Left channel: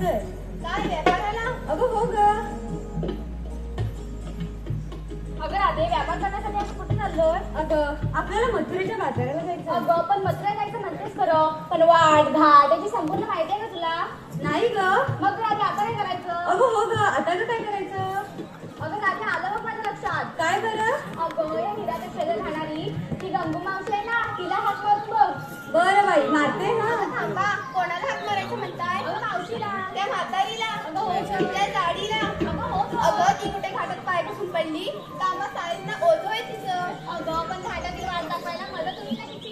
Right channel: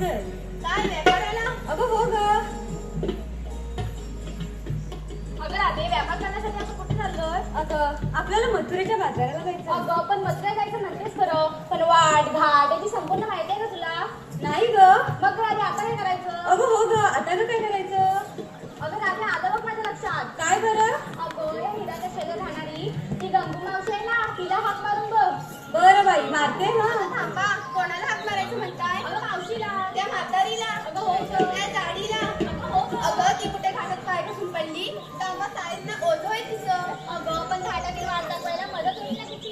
जायचंय हो ग. अगं व्यापार करण्यासाठी कुठे चाललोय अगं आपल्याला मथुरेच्या बाजाराला जायचं अगं पण मथुरा जायचं म्हणतेस खरं पण वाट घाट याची संपूर्ण माहिती आहे का तुला नाही ग मग राधे आपण हे करायचं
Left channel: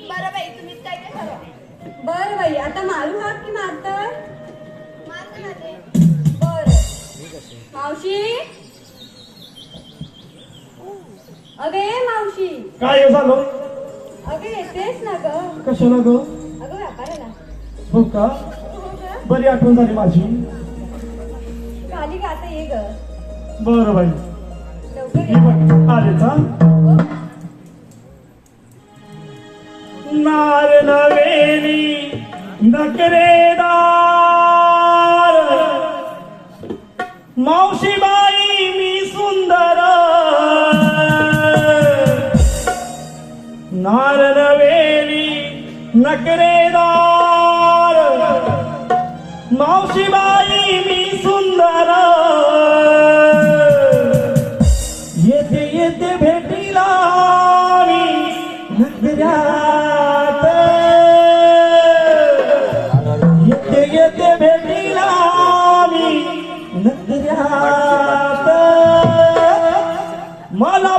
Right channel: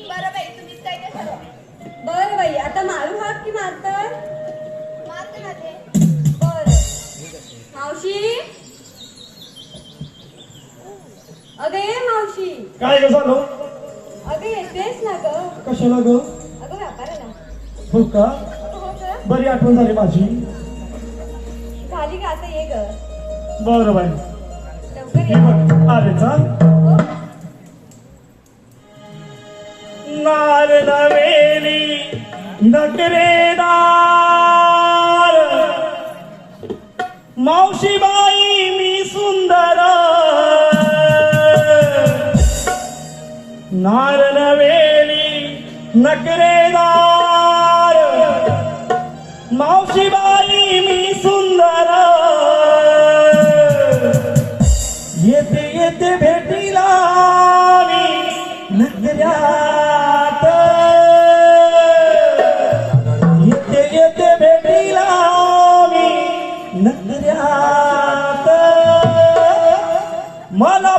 बरं बाई तुम्हीच काय ते ठरवा बरं बाई आता मारू हाक की मारताय? बरं. मावशी? अगं ये मावशी. काय झालं? अगं येतेस ना ग. कशाला ग? अगं व्यापाराला. हो का? अगं हो बरी आठवण झाली माझी. बरं बाई. लवकर आले का नारद वेली नकरेदार मावशीबाई मी सुंदर. नारद वेली नकरेदार मावशीबाई येते भेटी भेटीला मी नगरात. येथे येथे भेटीला मी नगरात. मला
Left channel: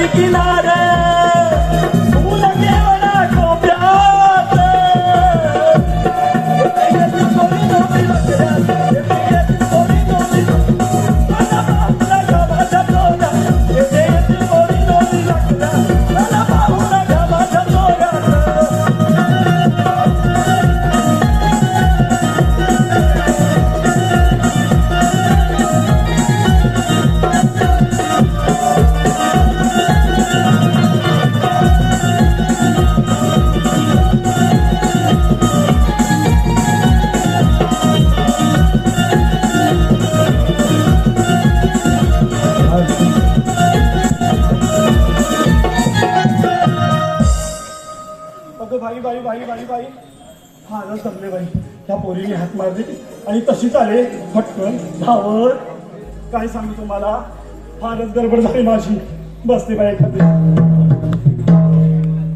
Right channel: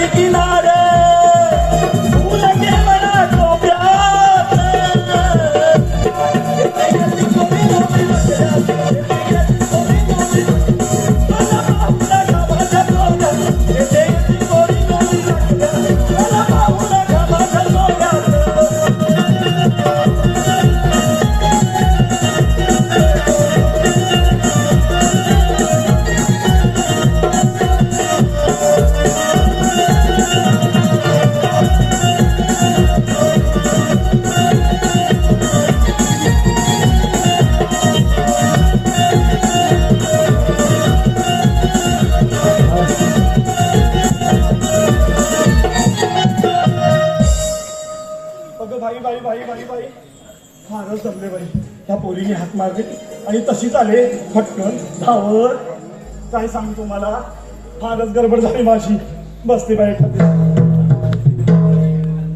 நிற்கிறாரே बाई बाई बाई बाई बाई. जमले बाई त्या पोरीने हात मारले. आणि तशीच आले फटकन धावत. काय सांगू तुम्हाला? फारच गडबड झाली माझी. बसते बाई एखादी.